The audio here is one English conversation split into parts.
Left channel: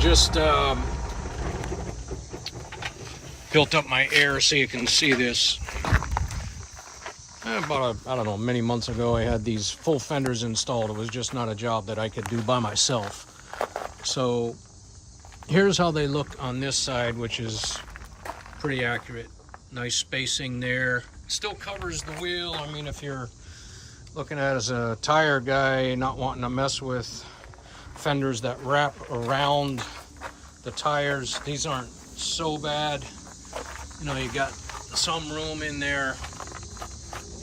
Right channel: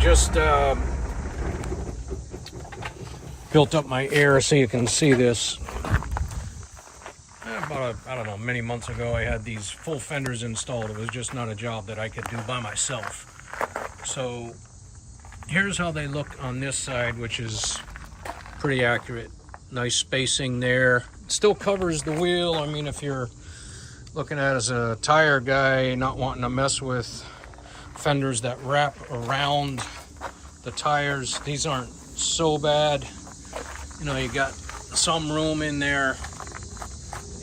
just built up my air so you can see this. About, I don't know, many months ago, I had these full fenders installed. It was just not a job that I could do by myself. So here's how they look on this side, which is pretty accurate. Nice spacing there. It still covers the wheel. I mean, if you're looking at it as a tire guy, not wanting to mess with fenders that wrap around the tires, these aren't so bad. You know, you got some room in there.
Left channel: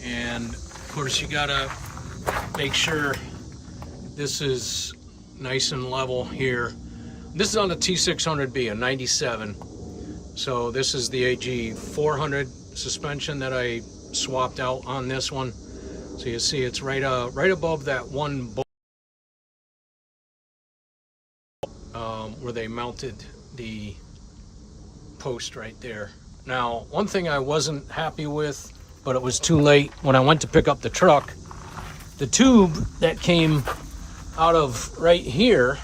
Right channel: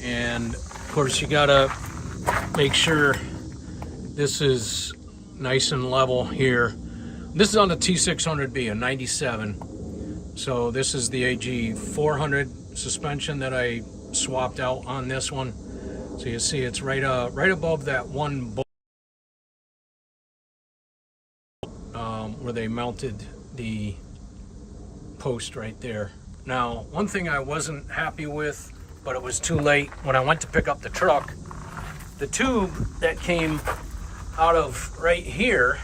And of course, you gotta make sure this is nice and level here. This is on the T600B, a 97. So this is the AG 400 suspension that I swapped out on this one. So you see it's right above that one bolt where they mounted the post right there. Now, one thing I wasn't happy with, but it was too late when I went to pick up the truck, the tube that came out of right here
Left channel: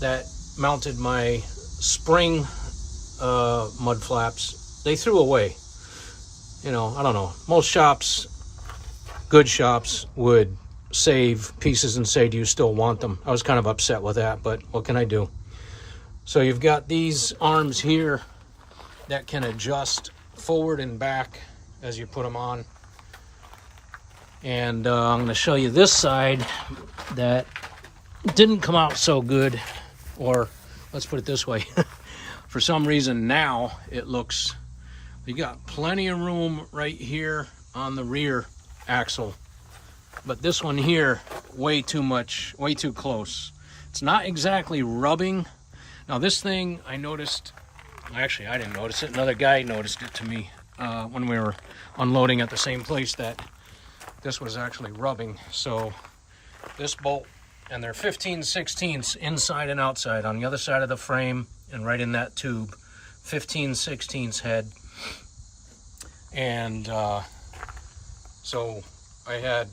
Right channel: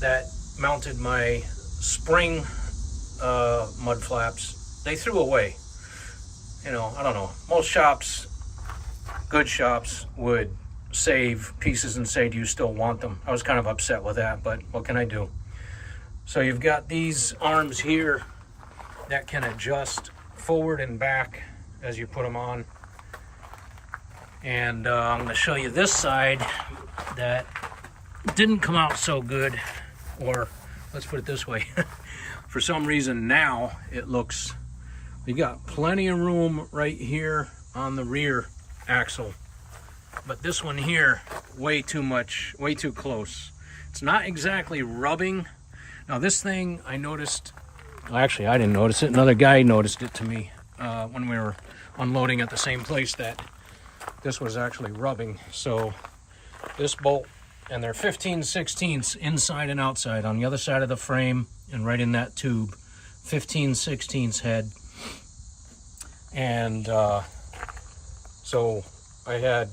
that mounted my spring mud flaps, they threw away. You know, I don't know, most shops, good shops, would save pieces and say, do you still want them? I was kind of upset with that, but what can I do? So you've got these arms here that can adjust forward and back as you put them on. And I'm going to show you this side that didn't come out so good, or let's put it this way. For some reason now it looks, you got plenty of room right here on the rear axle, but this one here, way too much, way too close. It's not exactly rubbing. Now this thing I noticed, well, actually I didn't notice it, another guy noticed it to me when we were unloading at the same place, that this was actually rubbing. So this bolt, and they're 15/16 inside and outside on the other side of the frame and right in that tube, 15/16 head. And so I had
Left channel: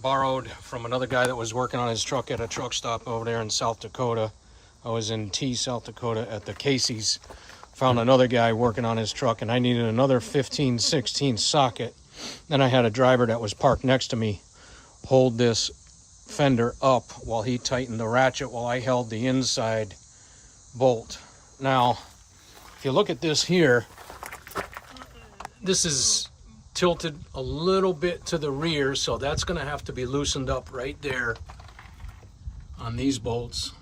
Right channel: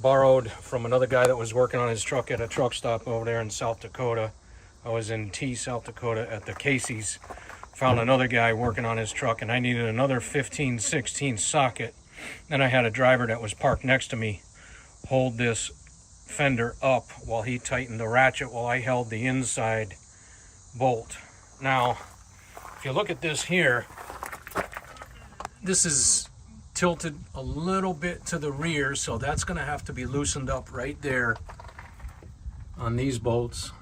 borrowed from another guy that was working on his truck at a truck stop over there in South Dakota. I was in South Dakota at the Casey's. Found another guy working on his truck, and I needed another 15/16 socket. Then I had a driver that was parked next to me hold this fender up while he tightened the ratchet while I held the inside bolt. Now, if you look at this here, this is tilted a little bit to the rear, so that's going to have to be loosened up right there on these bolts.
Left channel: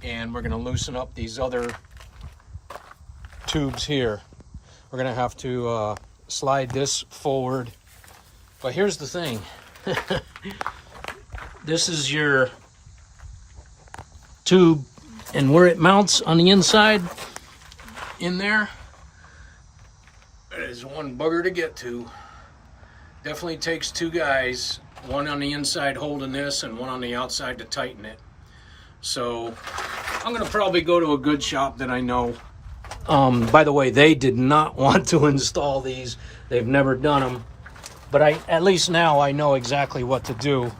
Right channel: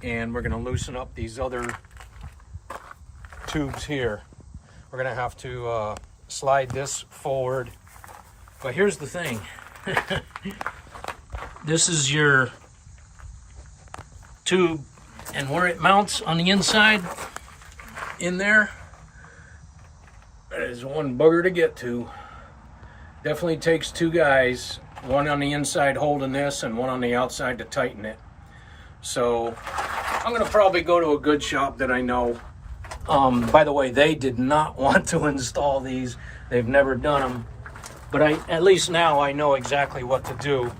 And we're going to loosen up these other tubes here. We're going to have to slide this forward. But here's the thing. This is your tube, and where it mounts on the inside in there, it is one bugger to get to. Definitely takes two guys, one on the inside holding this and one on the outside to tighten it. So I'm going to probably go to a good shop that I know. By the way, they did not want to install these. They've never done them. But at least now I know exactly what to do.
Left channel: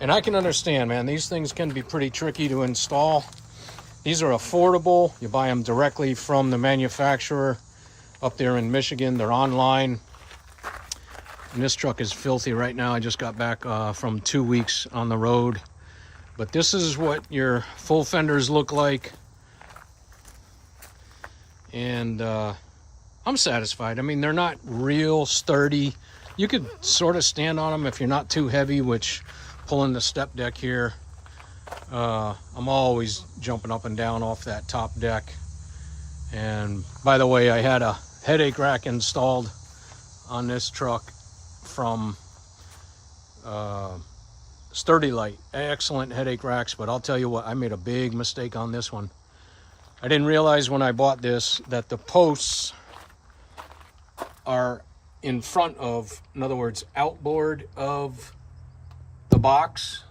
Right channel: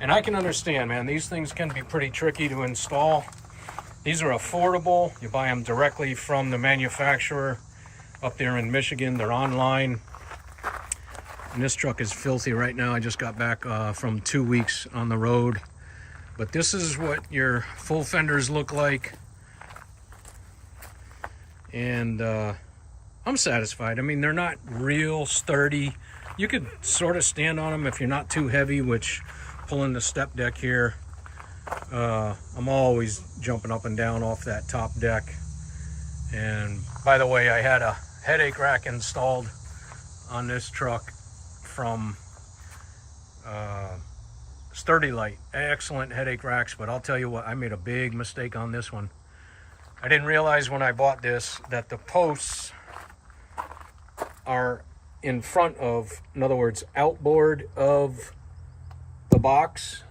And I can understand, man, these things can be pretty tricky to install. These are affordable. You buy them directly from the manufacturer up there in Michigan. They're online. And this truck is filthy right now. I just got back from 2 weeks on the road. But this is what your full fenders look like. And I'm satisfied. I mean, they're not real sturdy. You could sort of stand on them if you're not too heavy, which pulling the step deck here, I'm always jumping up and down off that top deck. And by the way, I had a headache rack installed on this truck from Sturdy Light. Excellent headache racks, but I'll tell you what, I made a big mistake on this one. I didn't realize when I bought this that the posts are in front of, in other words, outboard of the box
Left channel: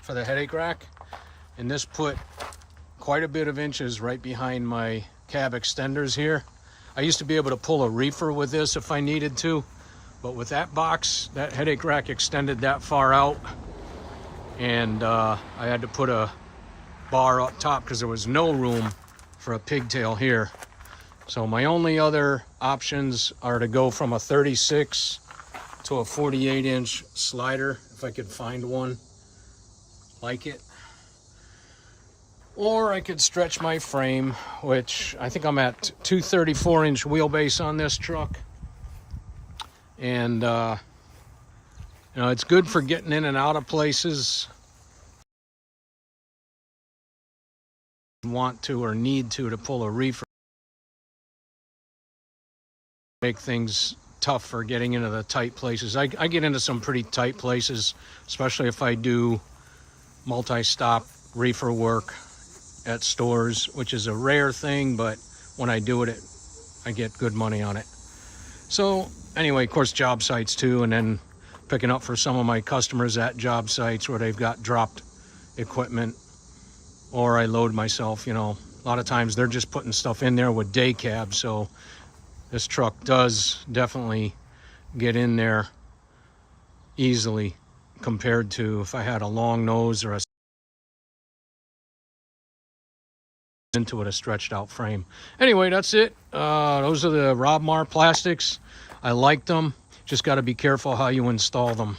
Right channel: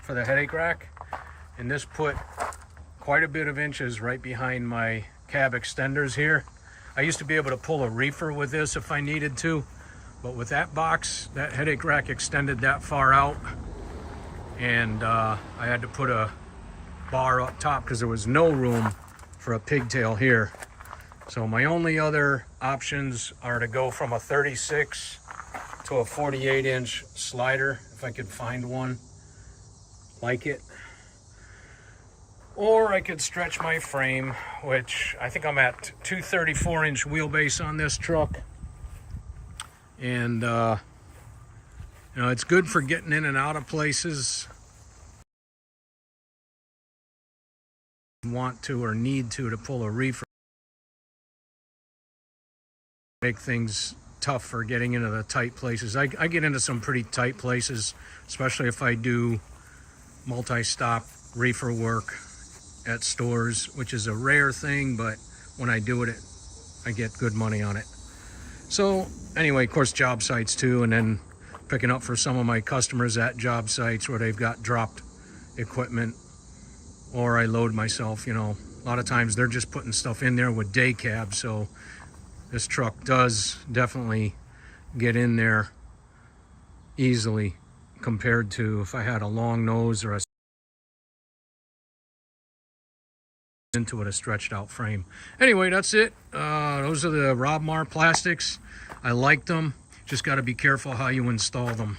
for the headache rack. And this put quite a bit of inches right behind my cab extenders here. I used to be able to pull a reefer with this if I needed to, but with that box, that headache rack extended that far out, and I had to put a bar up top because there was no room for a pigtail here. So my only other options are to go from a 36 to a 48-inch slider, if I could find one like it. Or I could stretch my frame, which I think I'm at 234-inch wheelbase on this truck. And, you know, it's good for getting in and out of places. Want to or need to pull a reefer. Make things tough for getting into the tight places. I get into some pretty tight places, especially if I do multi-stop reefer work at stores, which is a rare thing, but when I do it, I get good money on it. So anyway, of course, job sites too, and then picking up for some of my customers at job sites where they've got dropped equipment, or I load myself. You know, a lot of times they're just putting stuff in there with day cabs, so this truck does definitely get in there easily compared to if I had a long nose or into it, a stretched out frame. Anyway, that's it. Those are the Robmar Plastics. I like them. Just got to be careful how you install them.